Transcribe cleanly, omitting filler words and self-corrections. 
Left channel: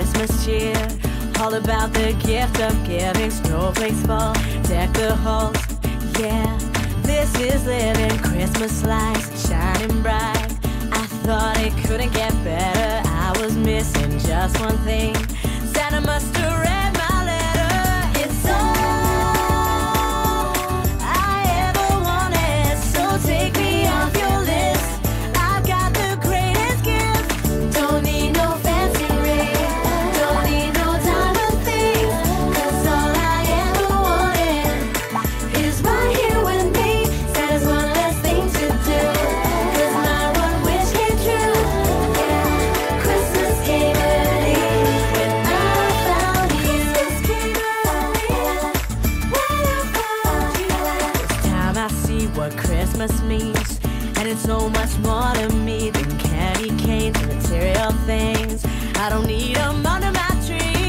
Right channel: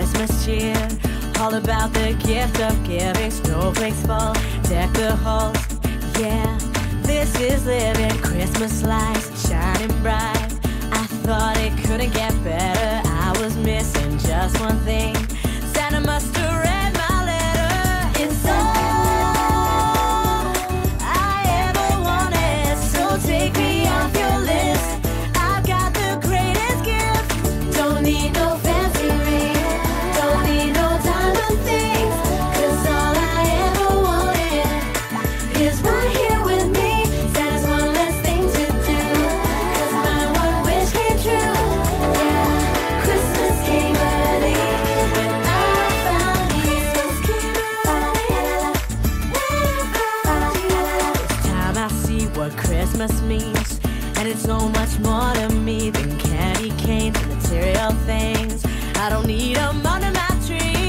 Christmas cheer. All about the gift of giving. Snowflakes fall, deck the halls. Yeah, this is living. Christmas lights shining bright. I thought it couldn't get better. I was missing just one thing. Santa must have read my letter. It's all I ever wanted, so take me off your list. I've got the greatest gift. Don't need no fancy ring, don't need no diamond things, 'cause all I ever wanted is right here with me. Santa's one less thing to do, 'cause my one wish came true. Yeah, Christmas came early when I found you. This time I see what Christmas means, and it's so much more to me than candy canes and material things. I don't need 'em under my tree.